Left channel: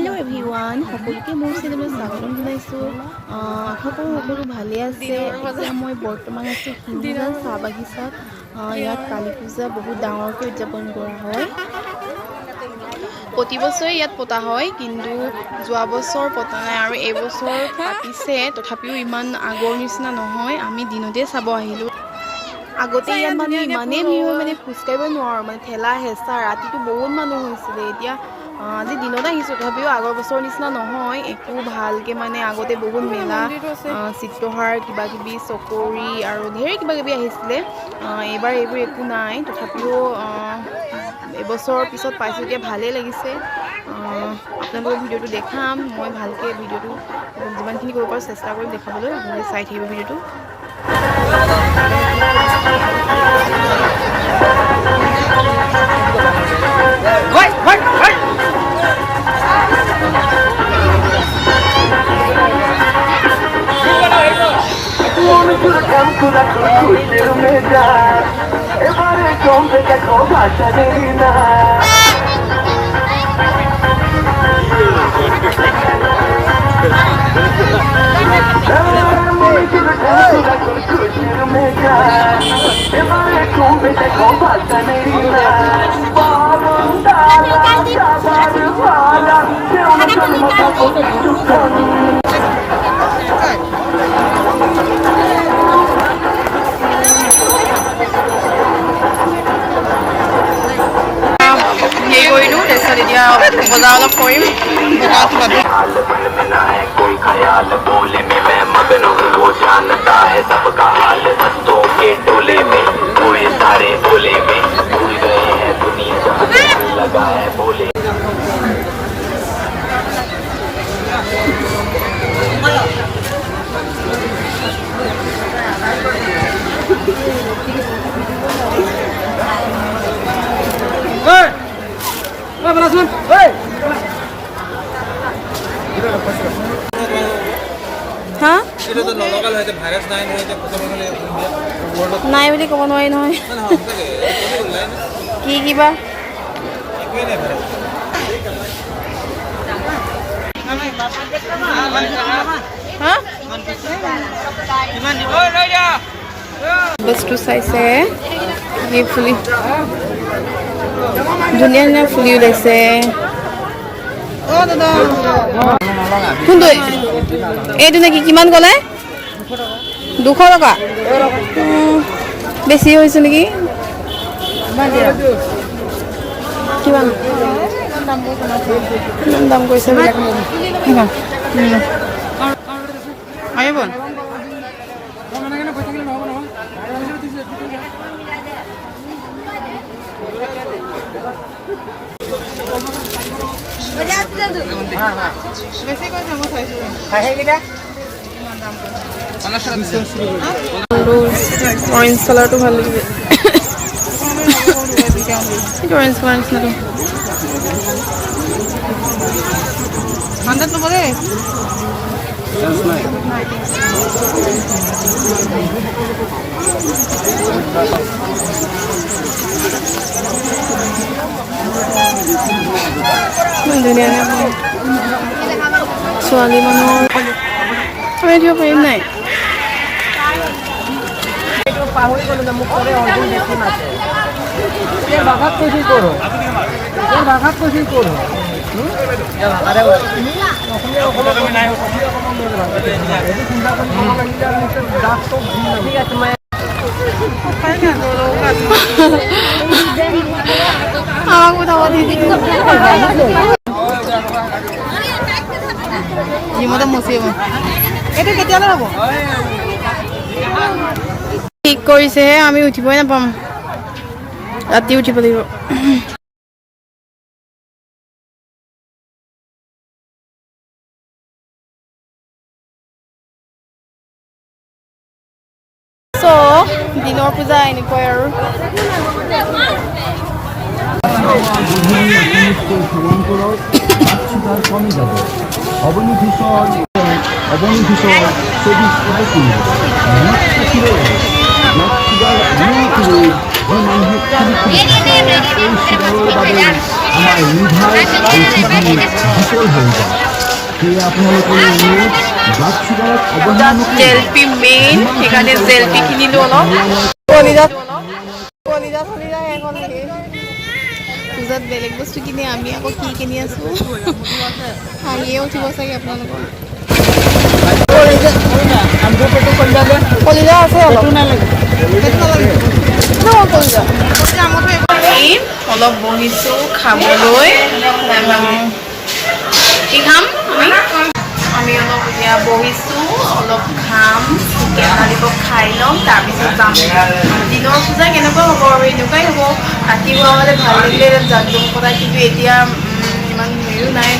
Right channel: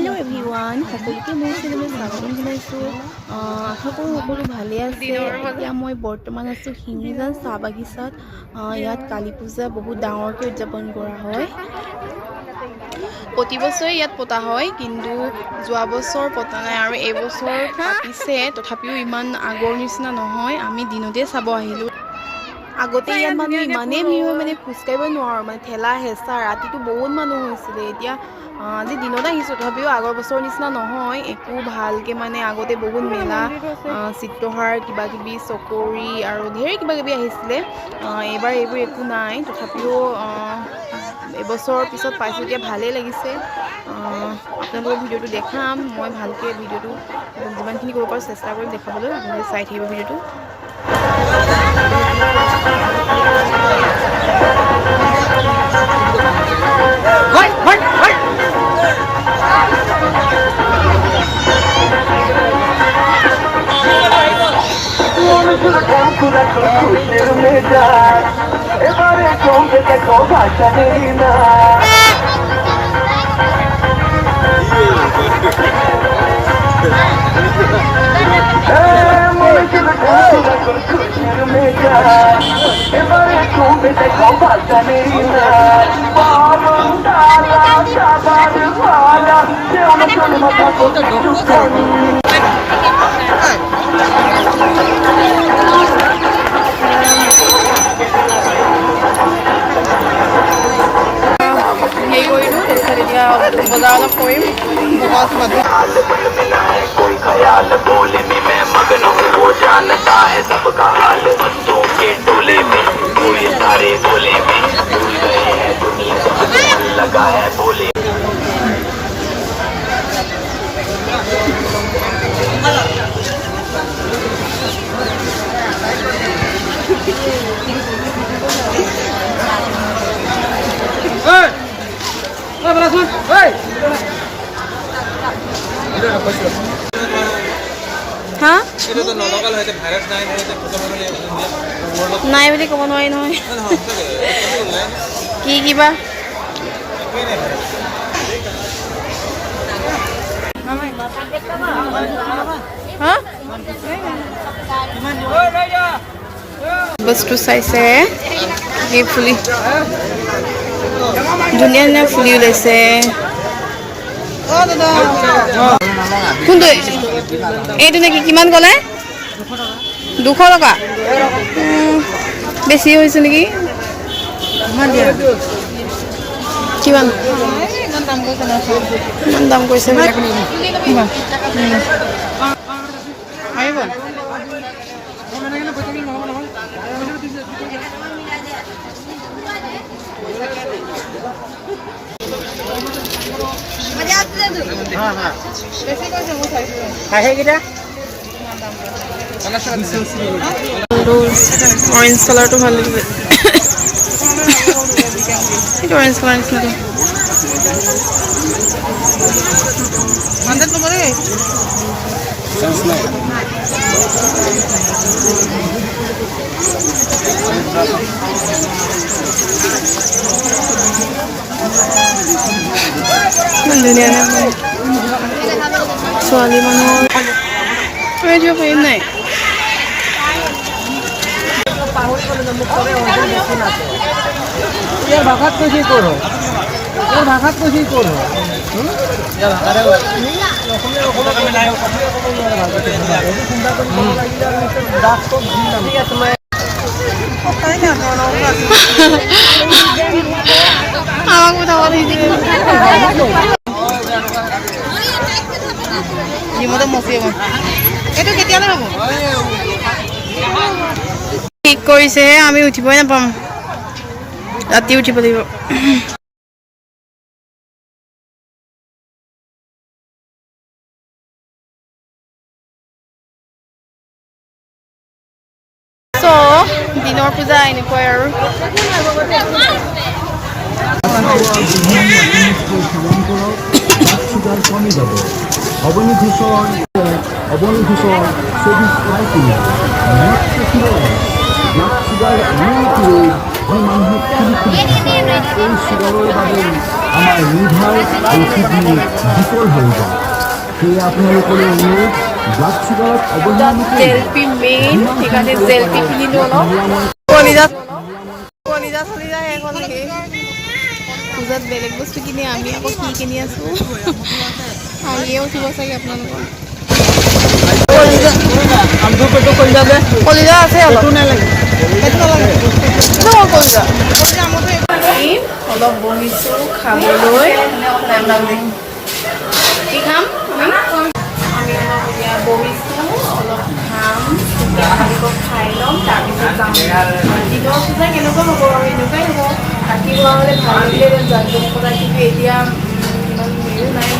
Hello' everyone, সকলোকে মোৰ চেনেললৈ স্বাগতম জনাইছোঁ। আশা কৰোঁ সকলো ভালে আছে। এতিয়া মই বৰ্তমান আছোঁ হিন্দুজান চাহ বাগিচাত। ইয়াত কালী পূজা বহুত ডাঙৰকৈ উদযাপন কৰা হয়। প্ৰতি বছৰে ইয়াত পতা হয়, কিন্তু যোৱা বছৰ পতা নাই আৰু এইবছৰ পাতিছে। তথাপিও ইমান আগৰ নিচিনা নহয়। আমি দিনতে চাব আহিলোঁ। আগতে ইয়াত মানুহ ইমানেই ভিৰ হয়, মানে খোজকাঢ়িব নোৱাৰোঁ, মানে ঠেলা হেঁচা। ৰাতিটো বহুত মানুহ হৈছিলে। এতিয়া আজি দিনত আহিছোঁ, তথাপিও আগৰ বছৰৰ নিচিনা নহয় একো ভালকৈ। মানে আগতে বহুত মেলা, চিত্ৰহাৰ, কিবাকিবি চকৰি আৰু ঢেৰ কিবাকিবি আহিছিলে। এইবাৰ এইবোৰ একো নাই। তথাপিও এবছৰৰ পিছত পাইছোঁ, এতিয়া ভালেই লাগিছে। আপোনালোকক ভিডিঅ'টো দেখাম মই ভালকৈ। ভিডিঅ'টো যিমানখিনি কৰিব পাৰোঁ চেষ্টা কৰিম দেখাবলৈ। আপোনালোকে চাই থাকিব ভিডিঅ'টো। এতিয়া বজাৰ অলপ কৰিম। হা নাই বুলি ক'ব নোৱাৰি নহয়। কি কিবা বস্তু চাইছে, কি ফুলি ধুনীয়া ধুনীয়া ফুলি ওলাইছে। কোনটো এইটো নেকি? কিমান ক'লে? 200 টকা। বেছি হৈছে নেকি? কিমান ইমান দাম কৰিছে? অৰেঞ্জ কালাৰটো ভাল লাগিছে। এইটো অৰেঞ্জ কালাৰ নিচিনাটো। ধুনীয়া নে ছোৱালী মানুহৰ দিব পাৰিম নাই? আমাক উঠাব নিদিয়ে। এইটো কেতিয়ালৈ হ'ব? ঠিক কৰিছেহে, আমি উঠিবই নাপাম, ৰাতি উঠিব লাগিব। দিনৰ পূজা এনেকুৱাই আৰু। চুগাৰ এনে এক ৰোগ যি মানুহক এই চুগাৰৰ বাবে আমাৰ লিভাৰ আৰু কিডনি বিকল হৈ যায়। সেয়ে আপোনালোকলৈ অনুৰোধ ব্লাড চুগাৰত অৱহেলা জেলপি মেইন সেইকাৰণে জেলপি কিনিলো অলপ। কলিজাত চলিজা শেষ হ'ল নেকি? পূজাত বেলেগ বস্তু কিনে আমি আকৌ কি কিনি আছো হাঁহিয়ে উঠিব চাগে আপোনালোকৰ। কলিজা আছে অলপ অলপ বহিছো খাবলৈ। কি খাম আমি অলপ এতিয়া বহিছো অলপ খাম চিকেন ললিপপ খাই ল'ম তাৰপিছত যাম। দিনৰ পূজা কেনেকুৱা হ'ব আৰু এনেকুৱাই হ'ব। ৰাতিপুৱা হ'লে ভাল লাগিলে জাকজমক কথা কিন্তু এতিয়া ইমান হেৰিও নাই।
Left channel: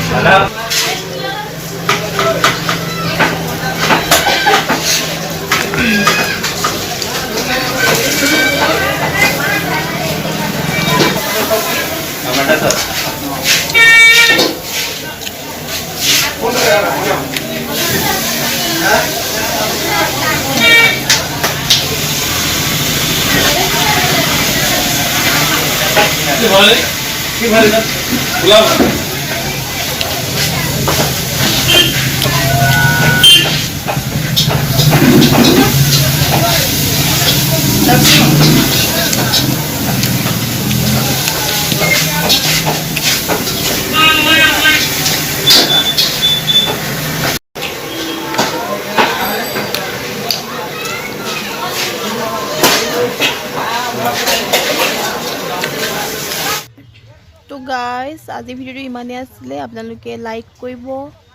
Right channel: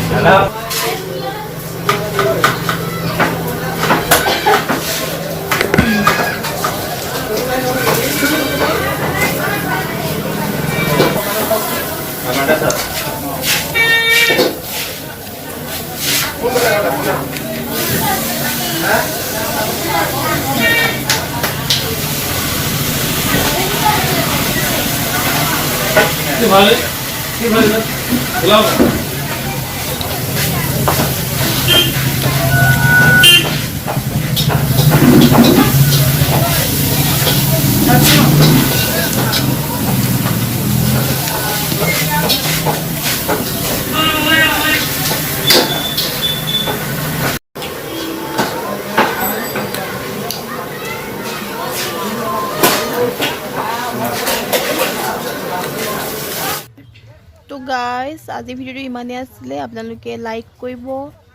তো গাইজ আজি ভিডিঅ'টো ইমানেই আছিলে। আপোনালোকে লাইক কৰিব,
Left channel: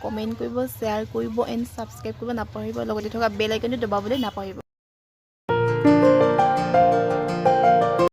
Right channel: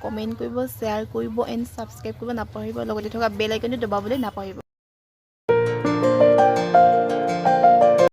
কমেণ্ট কৰিব, শ্বেয়াৰ কৰিব এণ্ড ছাবস্ক্ৰাইব কৰিব নাপাহৰিব। লগতে থকা বেল আইকনটো দবাবলৈ নাপাহৰিব।